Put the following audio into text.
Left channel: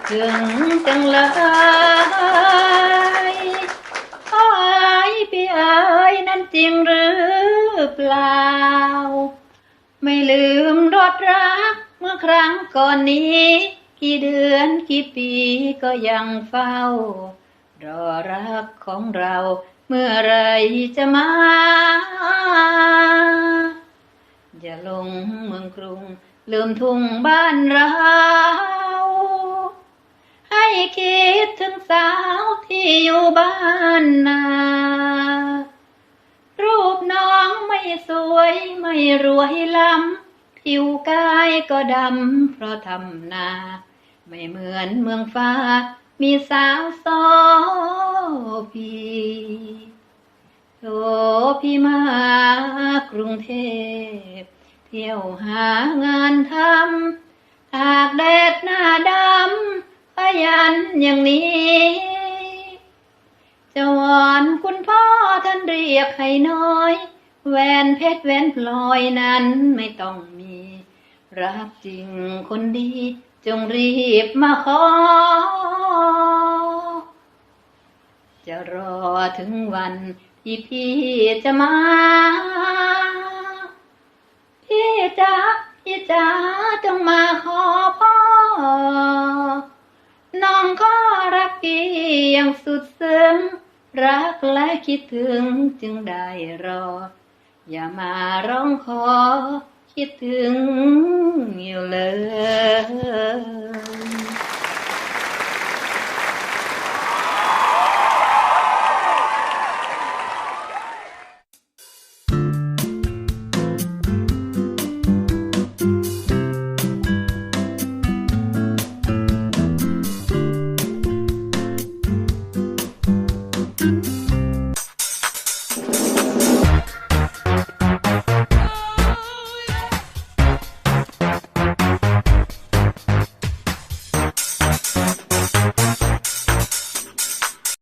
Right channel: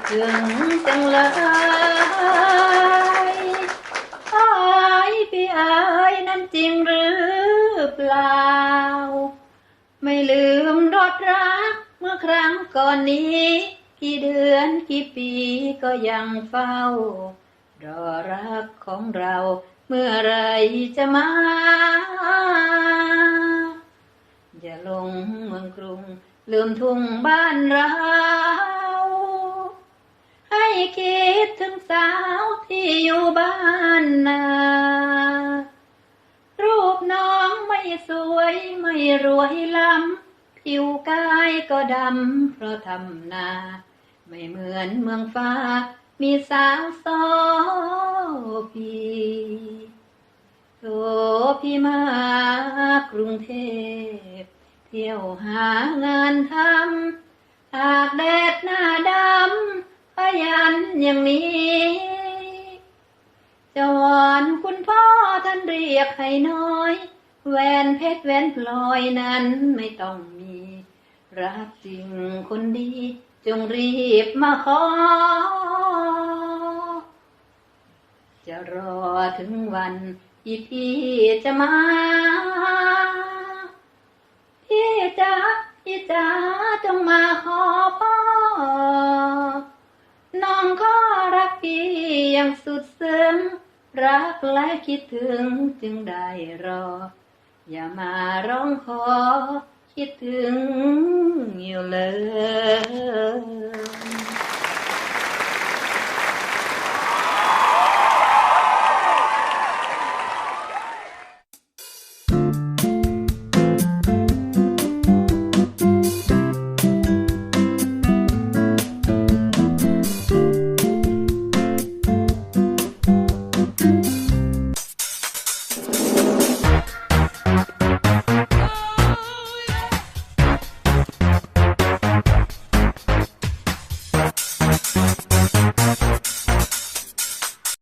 คิดถึงจังเลยไอ้พี่อ๋ยนั้นจริงหรือเปล่า ไม่ลืมรอดรักเมื่อครั้งก่อนนี้ กี่เดือนกี่ปีก็ยังเฝ้า รอรักของเราเมื่อไรจะมา อย่าลงเมืองกรุงลืมทุ่งบ้านเรา ถึงสาวที่อยู่บ้านนา รูปน้องไม่สวยไม่รวยล้ำ ผิวกายก็ดำเพราะทำนา ไม่เหมือนเมืองฟ้า มีสาวโซพีโทพี่มากรุงเทพ เที่ยวหางานทำ อย่างนี้ จะวอนคุณพ่อท่านเรียกให้น้อย แวนเพชรแวนพลอยนั้นไม่ต้องมี รักจริงคนดี จงรีบมาขอ จะรอถึงวันที่พี่จะมา พี่จ๋าพี่จ๋าจงมาขอพ่อ รักและคิดถึงจึงได้รอ อย่ามาร้องขอ คิดถึงอยู่เลย